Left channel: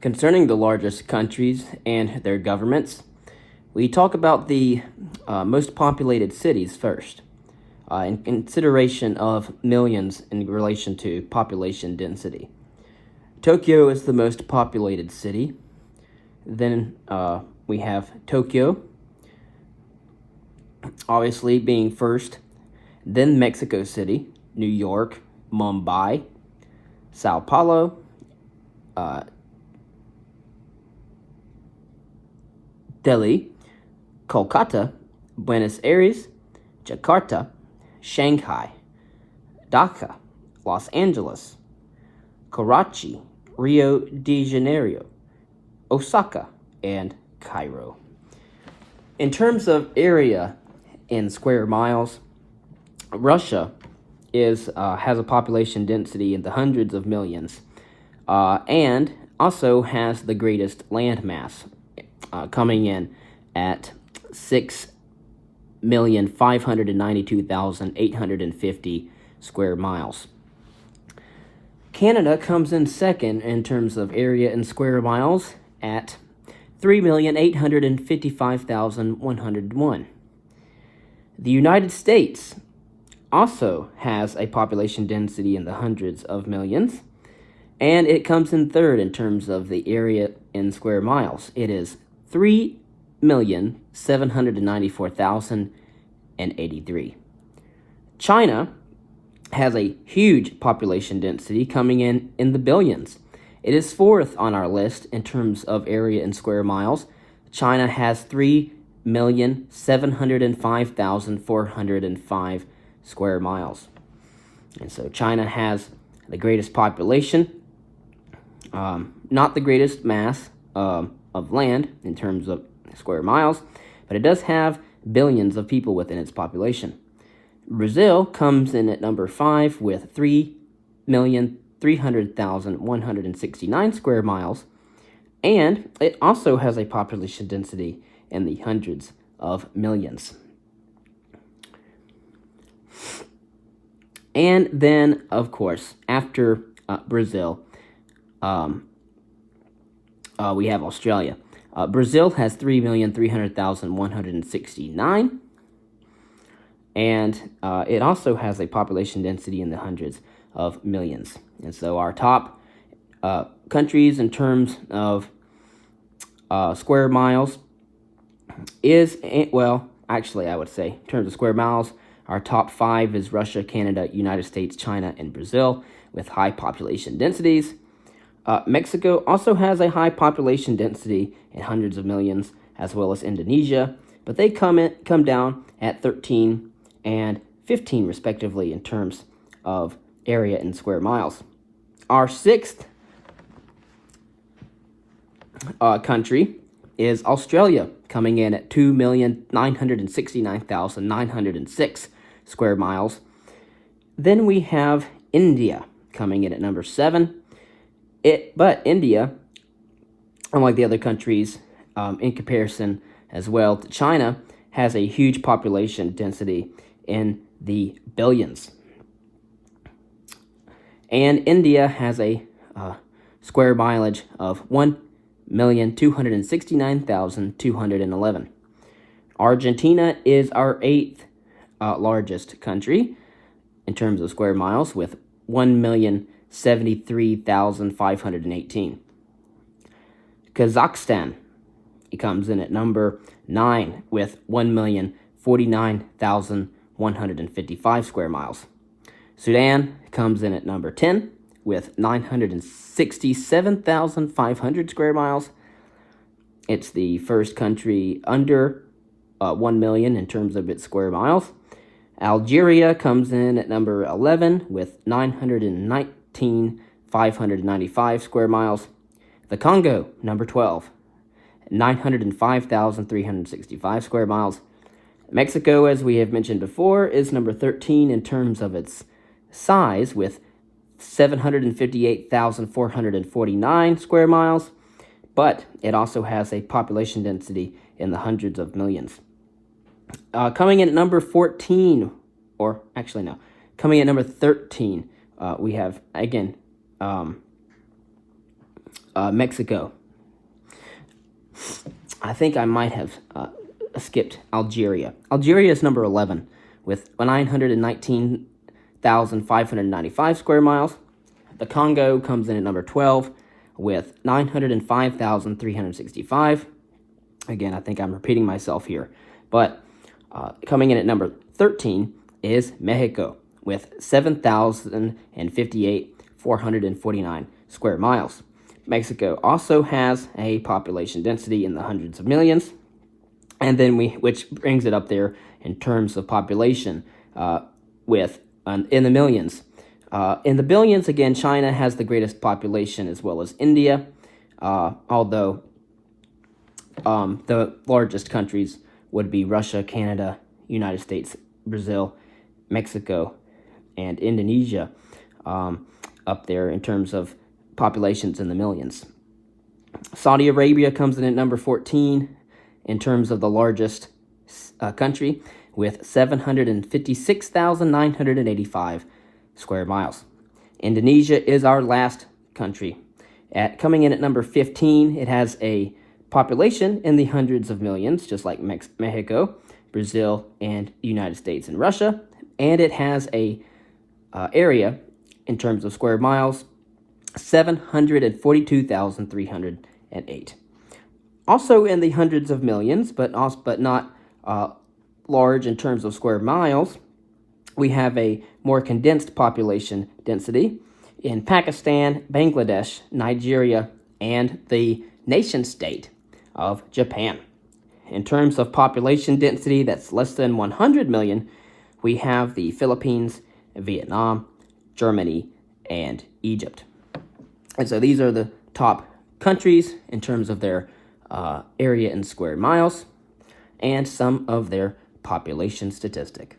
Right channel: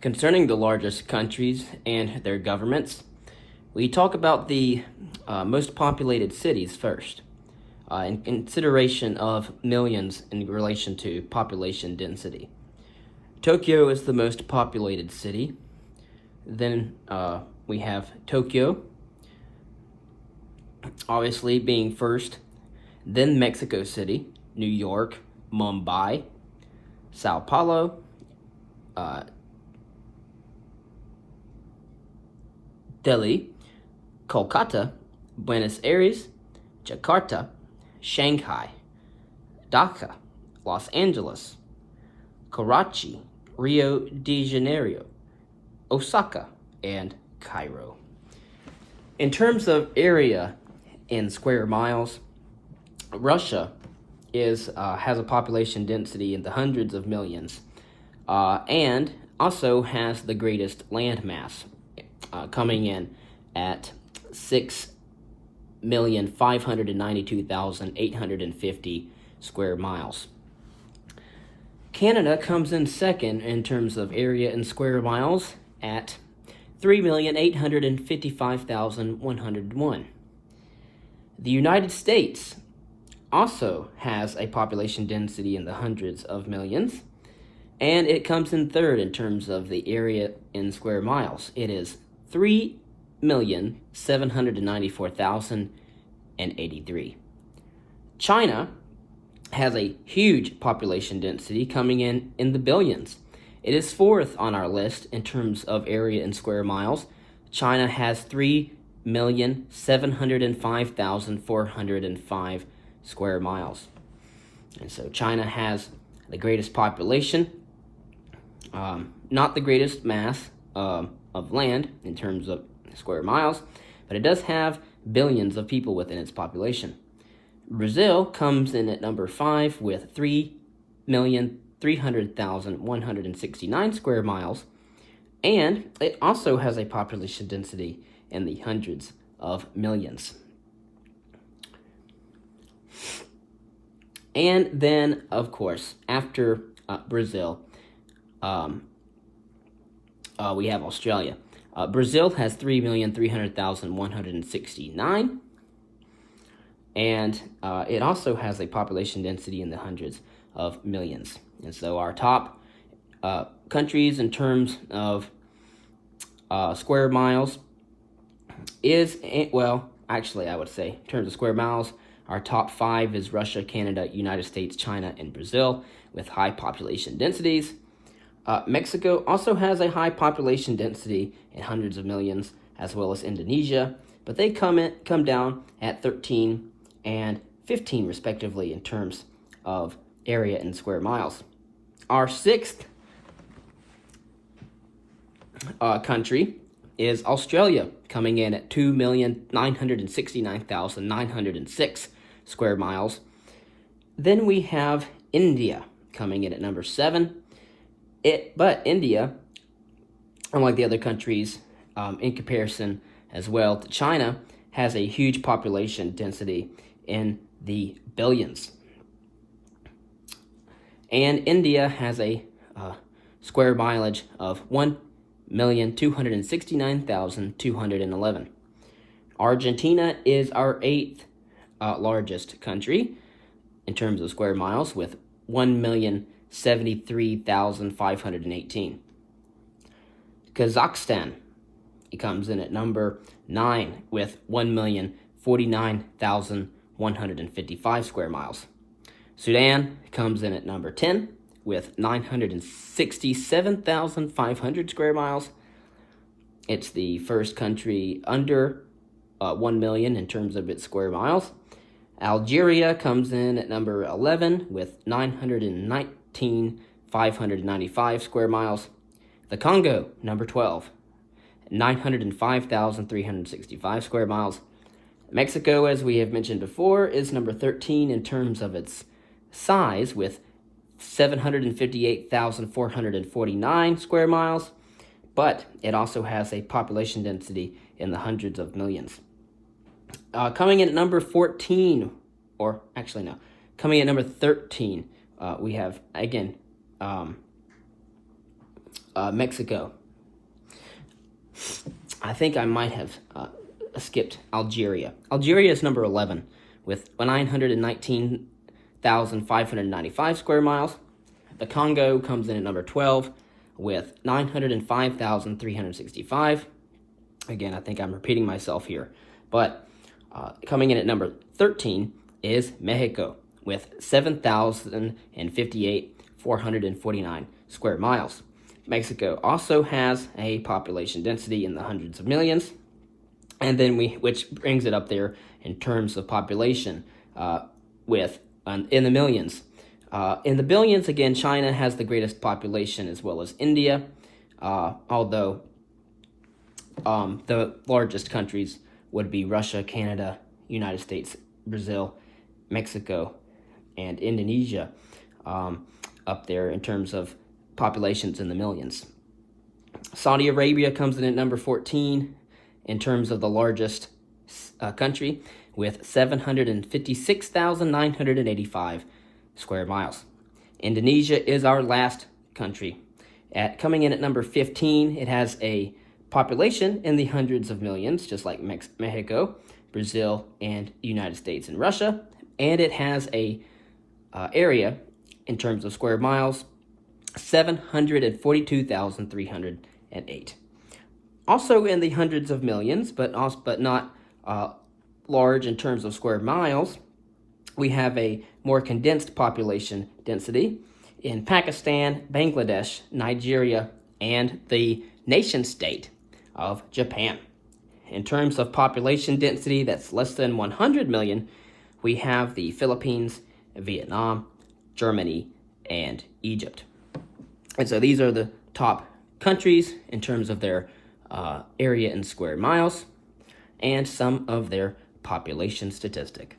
Concerning the largest countries and their governments, we talk about the most populated cities first, in consideration of millions in relation to population density. Tokyo is the most populated city. Then we have Tokyo, obviously being first. Then Mexico City, New York, Mumbai, Sao Paulo, Delhi, Kolkata, Buenos Aires, Jakarta, Shanghai, Dhaka, Los Angeles, Karachi, Rio de Janeiro, Osaka, and Cairo. In terms of area in square miles, Russia has a population density in the hundreds of millions, and also has the greatest land mass, coming in at 6,592,850 square miles. Canada comes in second in terms of area in square miles at 3,855,101. The United States also has a population density in the hundreds of millions, and it comes in third in terms of the area in square miles. It is 3,794,083. China has a huge population density coming in the billions. It is fourth on our list in terms of area in square miles. China has 3,705,405 square miles. And so China has the greatest population, not the greatest mass of land in terms of square miles, but it does have billions of people within its population. Brazil comes in at number 5 with 3,300,169 square miles, and it also has a population density in the hundreds of millions. And then, of course, after Brazil, we have Australia. Brazil has 3,300,169, and it also has a population density in the hundreds of millions. And so our top countries in terms of square miles is, well, actually I would say in terms of square miles, our top 5 is Russia, Canada, United States, China, and Brazil with high population densities. Mexico also has a high population density in hundreds of millions, as well as Indonesia, but they come down at 13 and 15 respectively in terms of area in square miles. Our sixth country is Australia, coming in at 2,969,906 square miles. Then we have India coming in at number 7. But India, unlike the other countries, in comparison as well to China, has a huge population density in the billions. And India has a square mileage of 1,269,211. Argentina is our 8th largest country in terms of square miles with 1,073,518. Kazakhstan, it comes in at number 9 with 1,049,155 square miles. Sudan comes in at number 10 with 967,500 square miles. It's the first country under 1 million in terms of its square miles. Algeria comes in at number 11 with 919,595 square miles. The Congo, number 12, 905,365 square miles. Mexico, as we have mentioned before, is number 13 in terms of its size with 758,449 square miles, but it also has a population density in the hundreds of millions. Coming in at number 14, or actually no, coming at number 13, we have, again, Mexico. I think I might have skipped Algeria. Algeria is number 11 with 919,595 square miles. The Congo comes in at number 12 with 905,365. Again, I think I'm repeating myself here. But coming in at number 13 is Mexico with 7,058,449 square miles. Mexico also has a population density in the hundreds of millions, and then which brings it up there in terms of population with in the millions. In the billions, again, China has the greatest population as well as India, although the largest countries would be Russia, Canada, United States, Brazil, Mexico, and Indonesia up there in terms of populations in the millions. Saudi Arabia comes in at number 14 in terms of the largest country with 756,985 square miles. Indonesia is our last country. Coming in at number 15, it has a population in the hundreds of millions, just like Mexico, Brazil, and United States and Russia. And it has a area in terms of square miles, 742,308. Also in the hundreds of millions, but not large in terms of square miles, we have a more condensed population density in Pakistan, Bangladesh, Nigeria, and the nation state of Japan. In terms of population density that's less than 100 million, we have the Philippines, Vietnam, Germany, and Egypt. And so these are the top countries in terms of their area in square miles and some of their population statistic.